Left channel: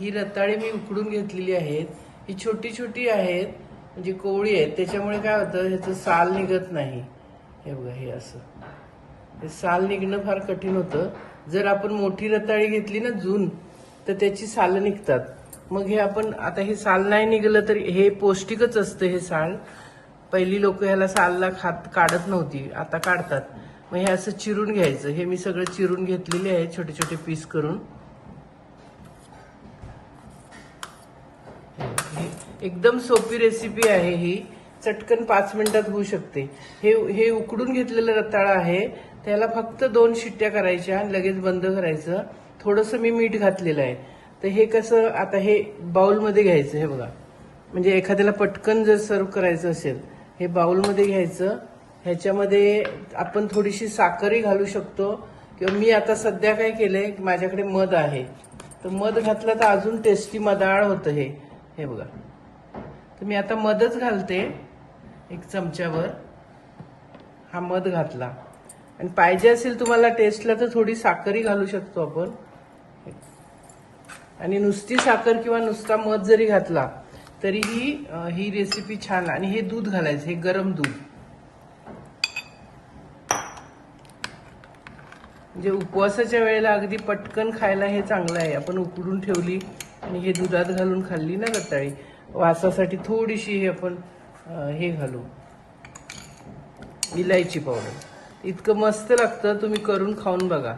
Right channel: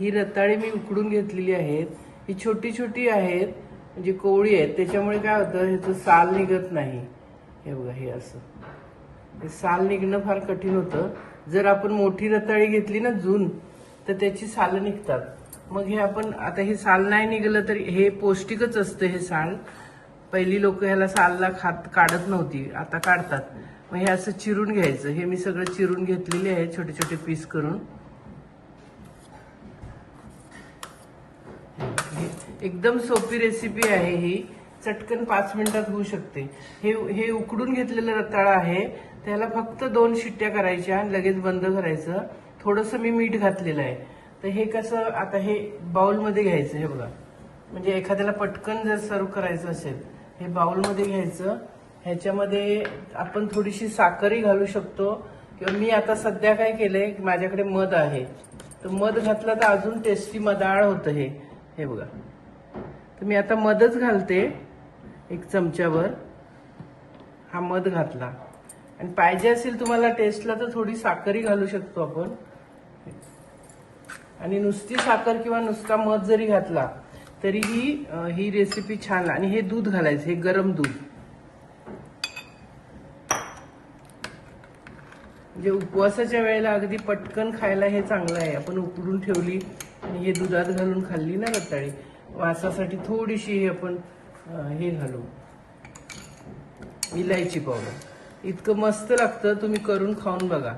ही रताळी मी उकडून घेतलेली आहेत. ही छोटी छोटी आहेत, म्हणजे कोवळी आहेत, त्याच्यामुळे काय होतं ह्याचं साल निघत नाही. हे बघा, हे असं हे साल निघणं फार कठीण होतं. जर आपण मोठी रताळी घेतली ना जून, तर त्याची सालं निघतात. मग हे आपण आता हे साल नाही निघालं तर हे पौष्टिकच असतं. हे साल पहिली लोक ह्याला सालला काढत नव्हती, आता काढतात. मग हे असं चिरून घ्यायचं. हे मी सगळं चिरून घेतलेले आहे छोटे छोटे पीस करून. एकदम सोपी रेसिपी आहे ही, चटकन 5 मिनिटात होऊ शकते. हे उकडून घेतलेलं रताळं आहे, त्याला फक्त 2 शिट्ट्या करायच्या, लगेच बंद करायचं. थोडंसं मी मीठ घातलेलं आहे. तर हे कसं आता हे बाउलमध्ये घ्यायचं. हे बघा, म्हणजे एखाद्याला पटकन जर सर्व करायचं असेल, हे बाउलमध्ये घ्यायचं. ह्याच्यामध्ये आपण थोडीशी साखरही घालू शकतो, किंवा मी आता सध्या काय केलंय, माझ्याकडे मध आहे, तर मध घातलं तर अजून टेस्टी मधाळ होतं हे. हे बघा, तर मी आता मधच घालते. 1 चमच्यावर हा मध घातला. आणि पाहिजे असेल तुम्हाला टेस्टला तर थोडी साखरही घालू शकतो आपण. आणि नुसती साखर किंवा नुसता मध जरी घातला तरीही ही रेसिपी छान. आणि हे दूध घालायचं, हे गरम दूध, म्हणजे उपवासाच्या वेळेला अगदी पटकन खायला हे चांगलं आहे. आपण उकडून ठेवली आणि हे दुधात घालून खाल्ली ना रताळी, वासासाठी थोडीशी हे आपण हे घालू, इलायची पावडर. इतकं मस्त लागतं, तुम्ही करून खाऊन बघा.